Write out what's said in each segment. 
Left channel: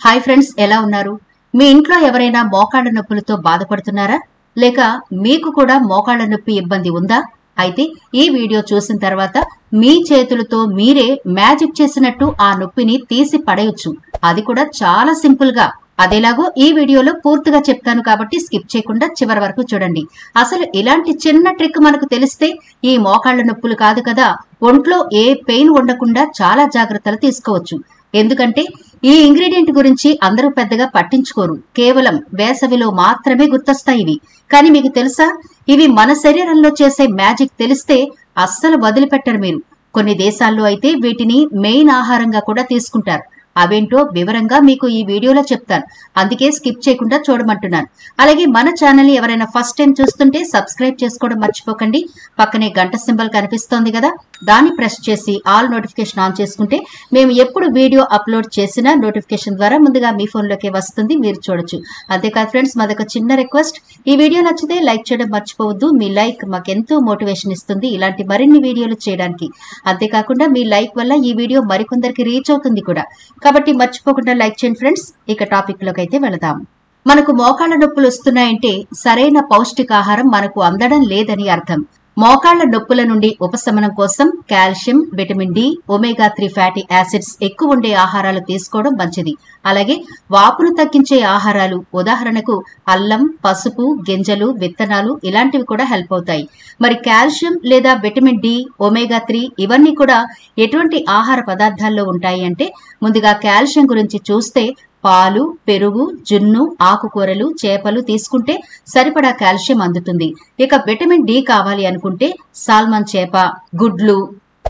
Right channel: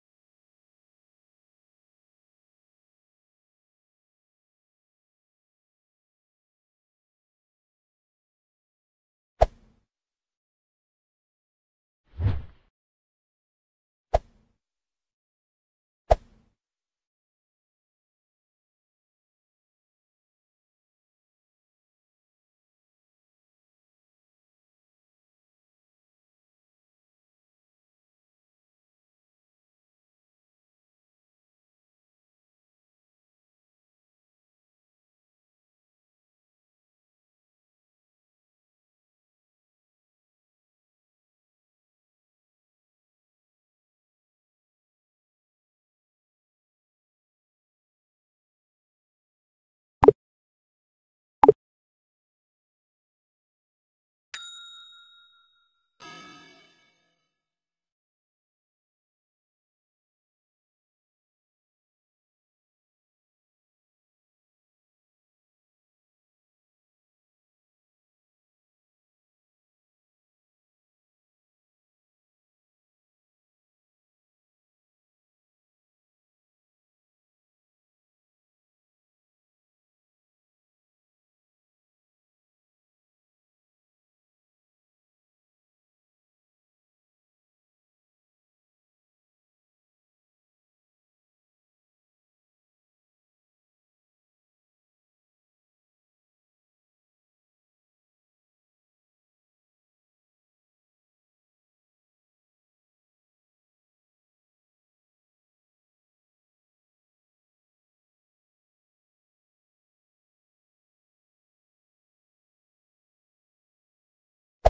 Hi friends, ఎలా ఉన్నారు? మీ ఇంట్లో ఎవరైనా మోకాళ్ల నొప్పులతో బాధపడుతున్నారా? లేక మీకు కూడా మోకాళ్ల నొప్పి ఇబ్బంది ఉందా? అయితే ఈ వీడియో చూసిన తర్వాత మీ చేతులతో మీరే మ్యాజిక్ చేసినట్టు ఆ నొప్పిని తీసి పడేయొచ్చు. అది కూడా చాలా సింపుల్ గా. అదేలాగో ఈ వీడియోలో పూర్తిగా చెప్తాను కాబట్టి స్కిప్ చేయకుండా చివరి వరకు చూడండి. అసలు ఇలాంటి చిన్న ట్రిక్ మనకు తెలిస్తే ఈ మోకాళ్ల నొప్పులు కాదు కదా, ఒంట్లో ఏ పెయిన్ ఉండకుండా చాలా జాగ్రత్తలు తీసుకోవచ్చు. ఎందుకంటే ఈ ఇంగ్రీడియంట్ గురించి అందరూ పెద్దగా పట్టించుకోరు. కేవలం వేసవిలో మాత్రమే గుర్తొస్తాయి ఇవి. కానీ మీకు తెలుసా, ఇవి మన శరీరంలో చేసే మ్యాజిక్ తెలిస్తే అస్సలు వదిలిపెట్టరు మీరు. కొన్ని దేశాల్లో అయితే వీటిని మెయిన్ ఆహారంగా కూడా తీసుకుంటారు. అవేంటో వివరంగా మీకు ఈ వీడియోలో చెప్తాను. అందుకే స్కిప్ చేయకుండా చూడమంటున్నాను. అలాగే మన ఛానల్ ని ఎవరైనా ఫస్ట్ టైం చూస్తుంటే సబ్స్క్రైబ్ చేసుకోవడం మర్చిపోకండి. పక్కనే గంట సింబల్ కనిపిస్తోంది కదా, దాన్ని ప్రెస్ చేసి ఆల్ నోటిఫికేషన్ ఆన్ చేసుకుంటే మేము ఎప్పుడు వీడియో అప్లోడ్ చేసినా నోటిఫికేషన్ ద్వారా ముందుగా మీ ఫోన్లోకి వస్తుంది, మీరు చూడొచ్చు. అంతేకాదు ఫ్రెండ్స్, మాదొక చిన్న రిక్వెస్ట్, ఈ వీడియో నచ్చితే లైక్ చేయడం మర్చిపోవద్దు. మీ లైక్ మాకెంతో మోటివేషన్ ఇస్తుంది ఇలాంటి మరిన్ని వీడియోలు చేయడానికి. అంతేకాకుండా మీ లైక్ వల్ల ఈ వీడియో మరికొందరికి రీచ్ అవుతుంది కూడా. కాబట్టి మర్చిపోకుండా లైక్ చేయండి ఫ్రెండ్స్. ఇక టాపిక్ లోకి అయితే వెళదాం. మనకు మోకాళ్ల నొప్పులు వస్తున్నాయంటే సరైన పౌష్టికాహారం మనకు అందడం లేదని అర్థం. మోకాళ్ల నొప్పుల నుండి ఉపశమనం కోసం calcium, vitamin D, ఒమేగా-3 fatty acids ఎక్కువ ఉండే ఆహారాలు తీసుకోవడం మంచిది. అలాగే వాపును తగ్గించే ఆహారాలు, ఉదాహరణకు అల్లం, పసుపు, గింజలు, విత్తనాలు ఇలాంటివి కూడా హెల్ప్ అవుతాయి. మరి కాల్షియం లేదా విటమిన్ డి, ఒమేగా-3 ఇవన్నీ కూడా ఎటువంటి ఆహార పదార్థాల్లో ఉంటాయి అంటే, ముందుగా కాల్షియం గురించి చూస్తే పాలు, పెరుగు, జున్ను, ఆకుకూరలు, చేపలు తీసుకుంటే సరిపడా కాల్షియం అందుతుంది. ఇక విటమిన్ డి కావాలి అనుకుంటే సాల్మన్ చేప, గుడ్లు,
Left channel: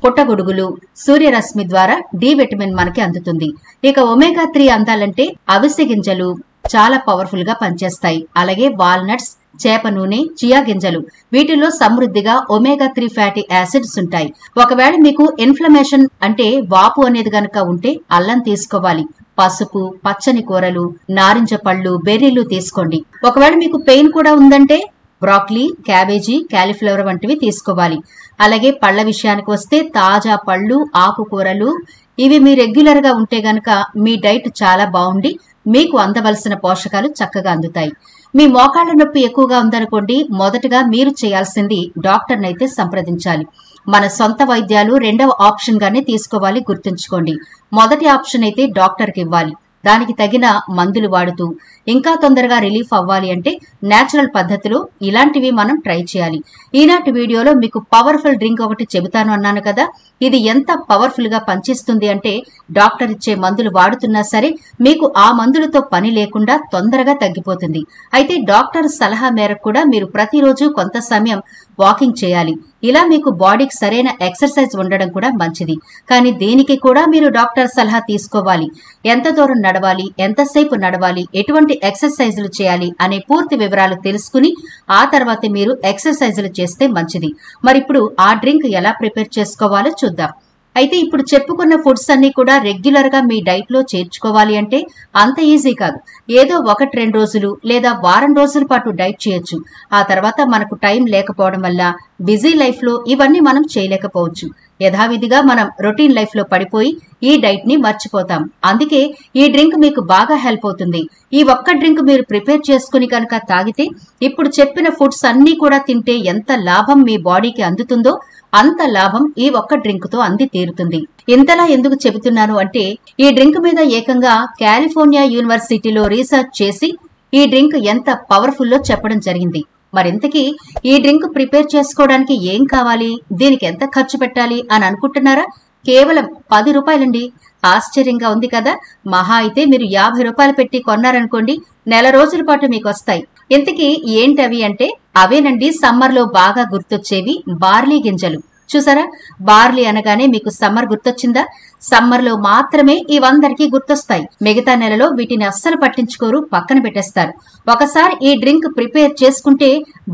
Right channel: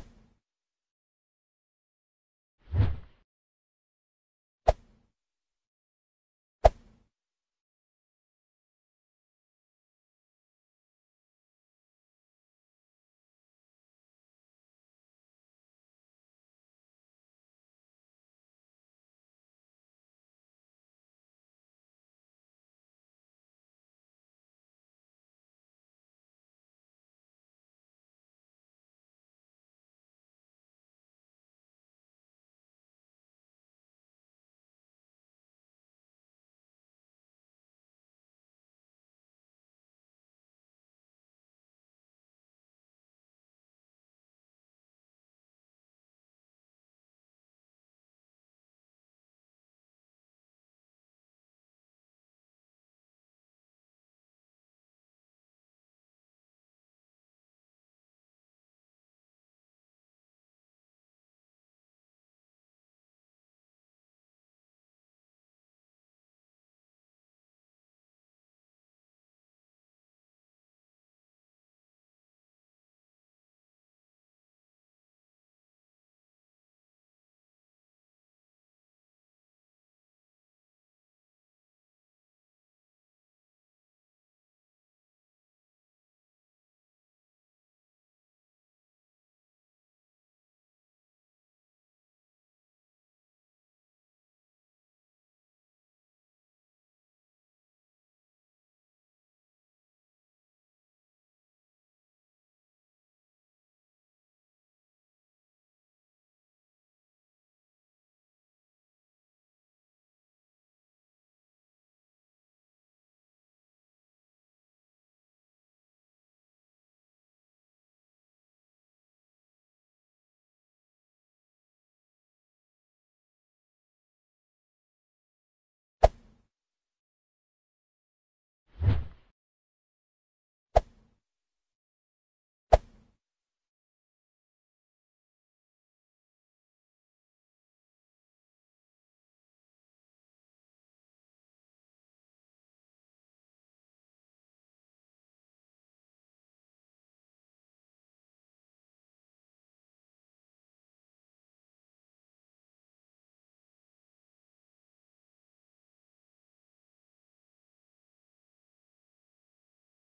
పుట్టగొడుగులు, సూర్యరశ్మి ద్వారా డి విటమిన్ మనకి అందుతుంది. ఇక ఒమేగా-3 అందాలంటే అవిసె గింజలు చాలా పవర్ఫుల్ గా పనిచేస్తాయి. అలాగే వాల్నట్స్, చేప నూనె, చియా గింజలు వీటిలో సమృద్ధిగా ఒమేగా-3 ఫ్యాటీ యాసిడ్స్ ఉంటాయి. ఒకవేళ మీకు ఇన్ఫ్లమేషన్ అంటే వాపు అనేది గనక ఉంటే అల్లం తీసుకోవాలి. పసుపు, పచ్చని కూరలు, నారింజ పళ్ళు, బెర్రీలు తీసుకోండి. ఒకవేళ మీకు పెయిన్ కూడా ఉందంటే బ్రాక్లీ, క్యాబేజీ, కాలీఫ్లవర్ వంటివి తీసుకోవాలి. అలాగే పళ్ల విషయానికి వస్తే తాజా పళ్ళు, ఆకుకూరలు ఇవి మీ రెగ్యులర్ గా ఉంటే గనక మీ డైట్ చాలా బాగుండి మీకు అందవలసిన పోషకాలు చక్కగా అందుతాయి. మీ మోకాళ్ల నొప్పి ఎక్కువగా ఉందనుకోండి, మొదటగా మీరు చేయాల్సింది డాక్టర్ని అయితే సంప్రదించాలి. మన సొంత వైద్యాలు రెండవ ఆప్షన్ గానే తీసుకోవాలి, గుర్తుంచుకోండి. మొదటి ఆప్షన్ అయితే డాక్టర్కి ఇవ్వాలి. దానికి తగిన మందులు వాడుతూ ఇంకా తొందరగా రిలీఫ్ అవ్వాలి అంటే నేచురల్ పద్ధతిలో ఇలాంటివి మనం ట్రై చేయాలి. ఈనాటి వీడియోలో మీకు పవర్ఫుల్ డ్రింక్ ఒకటి చెబుతాను అన్నాను కదా, ఇది ఎంత పవర్ఫుల్ గా పనిచేస్తుంది అంటే డ్రాక్టర్ ఇచ్చే మందులు వాడుతున్నా సరే మీకు ఆ మందులతో పని లేకుండా తొందరగా తగ్గిపోతుంది. అయితే డాక్టర్ సలహా మేరకు కూడా మీరు ప్రతిరోజు కొంత సమయం వాకింగ్ చేయాలి. ఇలా మీకు బాడీకి సరైన ఎక్సర్సైజ్ ఉండడం కూడా మంచిది. కానీ దీనికి కూడా మీరు డాక్టర్ సలహా తీసుకోవాలి. ఎంత దూరం నడవాలి, ఎంతసేపు నడవాలి, ఎటువంటి ఎక్సర్సైజులు చేయాలి అనే పూర్తి వివరాలు తెలుసుకుని ఆ తర్వాత మీరు ఎక్సర్సైజులు చేస్తే మంచిది. మరి ఇప్పుడు ఆ డ్రింక్ ఎలా ప్రిపేర్ చేసుకోవాలో చూద్దాం. అయితే ఇప్పుడు చెప్పుకున్న ఫుడ్స్ అన్ని కూడా రెగ్యులర్ గా మీ డైట్ లో చేర్చుకోవాలి అంటే అంత ఈజీ కాదు. ఏదో 1-2 రోజులు లేదా వారం రోజుల పాటు డైట్ చేయొచ్చు. ఆ తర్వాత మనకు టైం లేకపోవడం వల్ల బిజీ లైఫ్ లో ఇవన్నీ మనం చేయలేకపోవచ్చు. యథావిధిగా మనం రొటీన్ లైఫ్ లో పడిపోయి ఈ డైట్ ని మర్చిపోతాం. అందుకే ఈ డ్రింక్ మీకు బాగా హెల్ప్ అవుతుంది. ఈ ఒక్క డ్రింక్ మీరు ప్రిపేర్ చేసుకుని కనుక తాగితే ఇప్పుడు చెప్పిన ఫుడ్స్ అన్ని కూడా తింటే ఎంత లాభం మీ బాడీకి అందుతుందో అంత లాభం ఈ ఒక్క డ్రింక్ తో అంది తీరుతుంది. ఇంతలా ఎందుకు చెబుతున్నాను అంటే ఈ డ్రింక్ మీద ఏకంగా కాలిఫోర్నియా యూనివర్సిటీలో రీసెర్చ్ చేసి ఈ డ్రింక్ ఎంత పవర్ఫుల్లో చెప్పడం జరిగింది. మరింతకీ ఈ డ్రింక్ ప్రిపేర్ చేసుకోవడానికి ఏం కావాలి, దీనికి ఎంత ఖర్చు పెట్టాలి అని అనుకుంటున్నారా? కేవలం 10 రూపాయలండి. ఆశ్చర్యంగా ఉంది కదా. మహా అయితే మీరు 50 రూపాయలు పెట్టి కొన్నారనుకోండి, నెల రోజుల పాటు మీకు వస్తాయి. ఇంతకీ ఏంటవి అంటే అవేనండి సమ్మర్ లో బాగా గుర్తొచ్చేవి బార్లీ గింజలు. చూసారా, బార్లీ అనగానే మీకు సమ్మర్ గుర్తొచ్చిందా? సమ్మర్ లో మాత్రమే ఇవందరికీ గుర్తొస్తాయి. మిగతా నెలలో వీటిని అస్సలు పట్టించుకోరు, పక్కన పెట్టేస్తారు. ఒకసారి ఈ డ్రింక్ ప్రిపేర్ చేసుకుంటే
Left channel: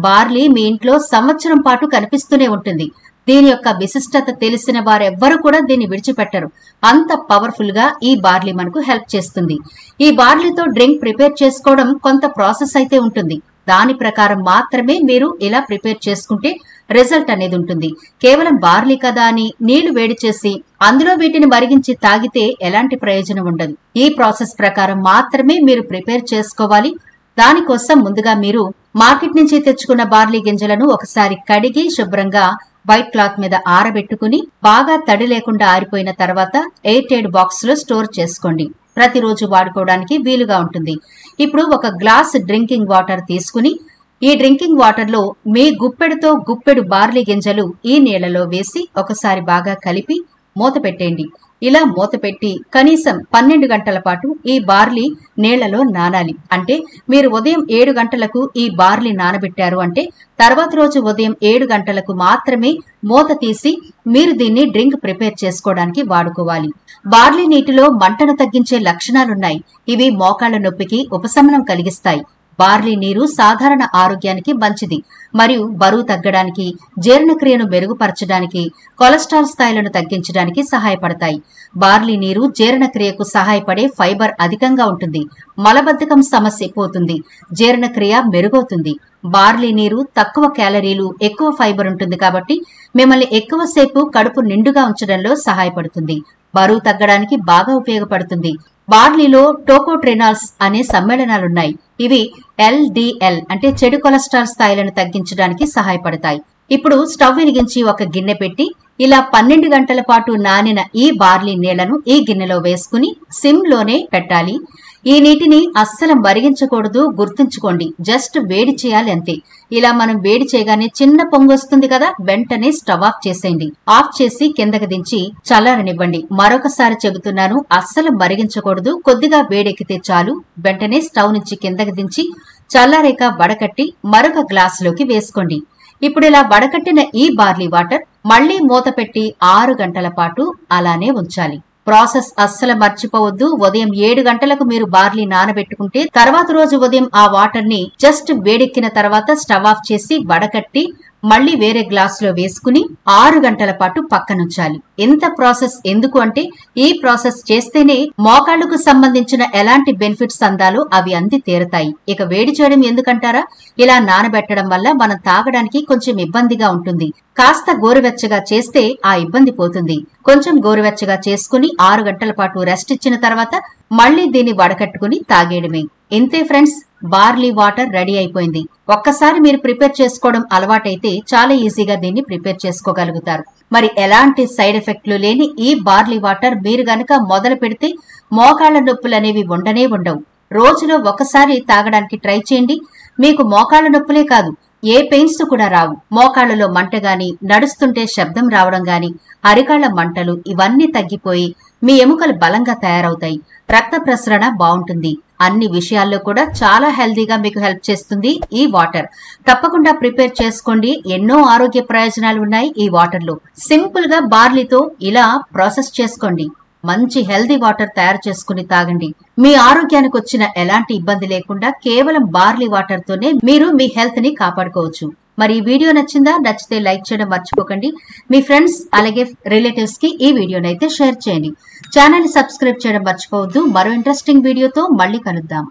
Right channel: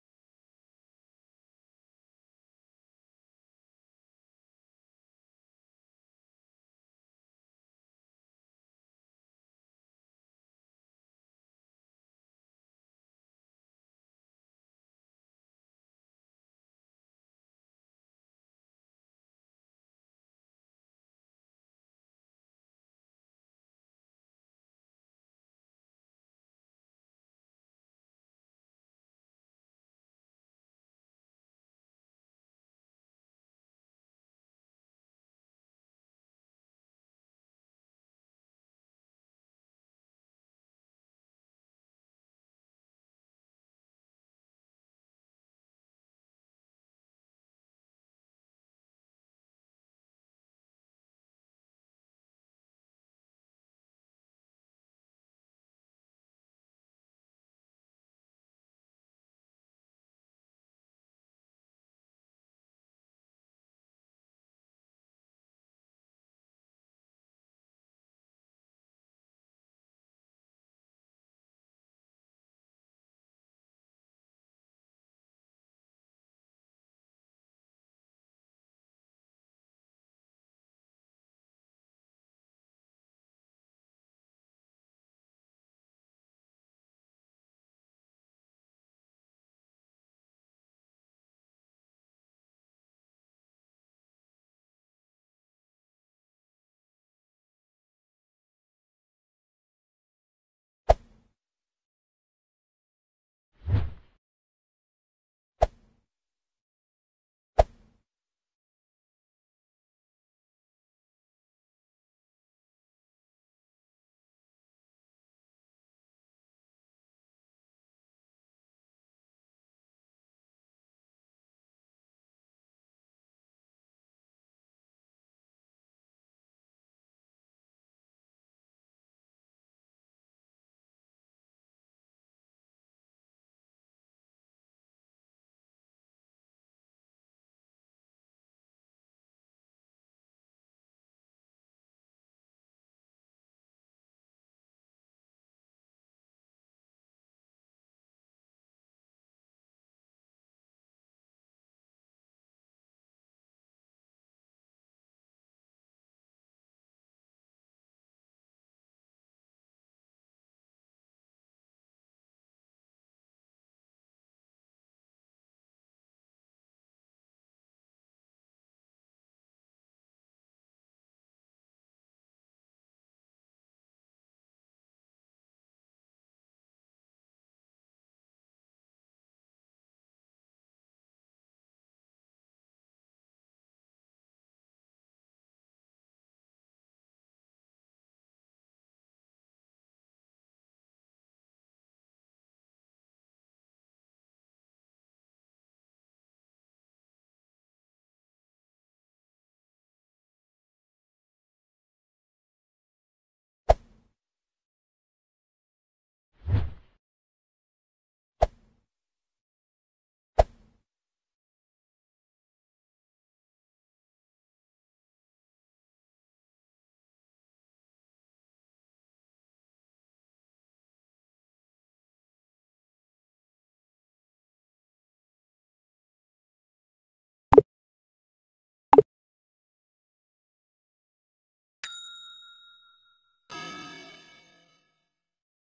బార్లీ మీ ఇంట్లో సంవత్సరం పాటు కనిపిస్తూనే ఉంటుంది. దీని యొక్క విశిష్టత తెలిసిన వారెవ్వరూ కూడా దీన్ని విడిచిపెట్టరు. అంత పవర్ఫుల్ గా ఈ బార్లీ మనకు హెల్ప్ చేస్తుంది. ఈ బార్లీతో డ్రింక్ ప్రిపేర్ చేసుకోవడం కొంత ప్రాసెస్ అయితే ఉంటుంది. దాని ప్రకారం మాత్రమే మీరు ఇలా ప్రిపేర్ చేసుకుంటే రిజల్ట్ అనేది ఉంటుంది. కేవలం బార్లీ కదా అని నీళ్లు వేడి చేసి అందులో వీటిని మరిగించి తాగితే ఎలాంటి ప్రయోజనం ఉండదు. ఈ ప్రాసెస్ ప్రకారం మాత్రమే మీరు ప్రిపేర్ చేసుకోవాలి. దానికోసం ముందుగా మీరు మార్కెట్ నుంచి తెచ్చుకున్న బార్లీ గింజలను ఒకసారి కడిగి శుభ్రంగా వైట్ క్లాత్ మీద ఆరబెట్టుకుని బాగా తడి లేకుండా ఆరిపోయిన తర్వాత ఎయిర్ టైట్ బాక్స్ లో స్టోర్ చేసుకోండి. ప్రతిరోజు వాడుకోవడానికి వీలుగా ఉంటుంది. ఇప్పుడు ఒక గ్లాస్ డ్రింకింగ్ వాటర్ తీసుకుని ఈ డ్రింకింగ్ వాటర్ లో మీ గుప్పెడుతో గుప్పెడు బార్లీ గింజలు ఈ నీళ్లలో వేసి ఒకసారి బాగా కలిపి మూత పెట్టేయండి. ఇలా మూత పెట్టి కనీసం 12 గంటల పాటు ఈ బార్లీ నీళ్లలో నానాలి. అంటే మీరు ఉదయం 7 గంటలకు ఈ బార్లీ నానబెట్టారు అంటే తర్వాత రోజు ఉదయం 7 గంటలకు మాత్రమే మూత తీసి మీరు దీన్ని డ్రింక్ ప్రిపేర్ చేసుకోవడానికి వాడుకోవాలి. బార్లీ నీటిలో మంటను తగ్గించే లక్షణాలున్నాయి. ఇవి మోకాళ్ల నొప్పికి ఉపశమనం కలిగిస్తాయి. బార్లీ నీరు సాధారణ ఆరోగ్యానికి మంచిది మరియు బరువు తగ్గడానికి, జీర్ణక్రియను మెరుగుపరచడానికి, కొలెస్ట్రాల్ స్థాయిలను తగ్గించడానికి సహాయపడతాయి. బార్లీ నీరు జీర్ణక్రియకు సహాయపడే ఫైబర్ అధికంగా ఉంటుంది. మలబద్ధకం సమస్య పోతుంది. జీర్ణక్రియ మెరుగవుతుంది. బార్లీ నీరు తక్కువ క్యాలరీలు, ఎక్కువ ఫైబర్ ఉంటుంది కాబట్టి మిమ్మల్ని ఎక్కువసేపు కడుపు నిండుగా ఉంచడంలో సహాయపడుతుంది. బరువు తగ్గడానికి బాగా ఉపయోగపడుతుంది. బార్లీలో టోకోట్రినాల్స్ అనే సమ్మేళనాలున్నాయి. ఇవి LDL అంటే చెడు కొలెస్ట్రాల్ స్థాయిలను తగ్గించడానికి సహాయపడతాయి. ఇప్పుడు స్టవ్ వెలిగించి ఒక గిన్నె పెట్టి ఇలా 12 గంటల పాటు నానిన ఈ బార్లీ నీళ్లను ఈ గిన్నెలో వేసుకుని సిమ్ లోనే పెట్టాలి. ఈ నీటిని అస్సలు మరిగించకూడదు, గుర్తుంచుకోండి. జస్ట్ వేడి చేయాలి అంతే. ఇలా మనం వేడి చేయగానే చిన్న పొంగు వస్తుంది కదా, వెంటనే స్టవ్ ఆఫ్ చేసేయండి. ఆఫ్ చేసి కిందకి దించి చల్లారనివ్వండి. మరొకసారి చెబుతున్నాను, అస్సలు మరిగించకూడదు. కొద్దిగా వేడెక్కితే చాలు. వెంటనే స్టవ్ నుంచి కిందకి దించి చల్లారేక వడకట్టి మరొక గ్లాసులోకి వేసుకోండి. ఇప్పుడు ఇలా వడకట్టిన ఈ బార్లీ వాటర్ మళ్లీ మూత పెట్టి 6 గంటల పాటు అలానే ఉంచాలి. ప్రాసెస్ అస్సలు మర్చిపోవద్దు. ఉదయం 7 గంటలకు మీరు బార్లీ నానబెట్టుకుంటే తర్వాత రోజు ఉదయం ఆ వాటర్ ని జస్ట్ వేడెక్కిన తర్వాత స్టవ్ ఆఫ్ చేసి వడకట్టి మళ్లీ వేరే గ్లాస్ లో వేసుకుని 6 గంటల పాటు పక్కనుంచాలి. ఇంత ప్రాసెస్ ఎందుకు అంటే ఈ ప్రాసెస్ చేస్తేనే మోకాళ్లకు సంబంధించిన ఎలాంటి బెనిఫిట్స్ అందాలో అవి అంది తీరతాయి. ఇక వేడి చేయడం ఎందుకంటారా, ఇలా నానబెట్టడం వల్ల మనం తాగడానికి కొంచెం ఇబ్బందిగా ఉంటుంది. కాస్త గోరువెచ్చగా చేస్తే ఆ ఇబ్బంది పోతుంది. కొంచెం గోరువెచ్చగా చేసుకుని 6 గంటల పాటు రెస్ట్ ఇచ్చిన తర్వాత మళ్లీ దీన్ని వడకట్టుకుని తాగేయడమే. ఇంతే ఫ్రెండ్స్, బార్లీ వాటర్ రెడీ అయిపోయింది. ఒక్కసారి మీరు ప్రిపేర్ చేసుకోవడం అలవాటైతే చాలా ఈజీగా దీన్ని ప్రిపేర్ చేసుకోగలుగుతారు. మరి ఎలాంటి సైడ్ ఎఫెక్ట్లు లేని ఈ బార్లీ వాటర్ మీరు గనక మొదలు పెడితే మోకాళ్ల నొప్పులు అనేవి ఉండనే ఉండవు. రోజులో ఒకసారి తాగడానికి ట్రై చేయండి. మీకు మోకాళ్ల నొప్పులే కాదు, ఏ పెయిన్స్ కూడా రావు. మోకాళ్లలో మంట గాని, నడుస్తుంటే శబ్దం రావడం గాని, అరికాళ్ల మంటలు ఇవన్నీ తగ్గిపోయి మీ ఎముకలు బలంగా తయారవుతాయి. రక్త ప్రసరణ బాగుంటుంది. అన్ని విషయాల్లో కూడా చాలా హెల్దీగా మీకు హెల్ప్ చేస్తుంది ఈ వాటర్. తప్పకుండా ప్రిపేర్ చేసుకోండి. ఎన్నో ఆరోగ్య ప్రయోజనాలు ఉన్నాయి ఈ వాటర్ లో. సింపుల్ గా బార్లీతో ఇలా ప్రాసెస్ చేసుకోండి. మంచి హెల్దీ వాటర్ తయారు చేసుకుని తాగండి. మీ ఆరోగ్యానికి వచ్చిన ఎలాంటి ఇబ్బంది లేకుండా కేవలం బార్లీ వాటర్ తోనే మీరు మీ హెల్త్ ని కాపాడుకోవచ్చు. మరి ఈ వీడియో నచ్చిందా? నచ్చితే లైక్ చేయడం మర్చిపోకండి. మీ ఫ్రెండ్స్ అలాగే రిలేటివ్స్ కి ఈ వీడియోనైతే షేర్ చేయండి. ఛానల్ ని సబ్స్క్రైబ్ చేయడం మర్చిపోవద్దు. మరో ఇంట్రెస్టింగ్ వీడియోతో మళ్ళీ కలుద్దాం.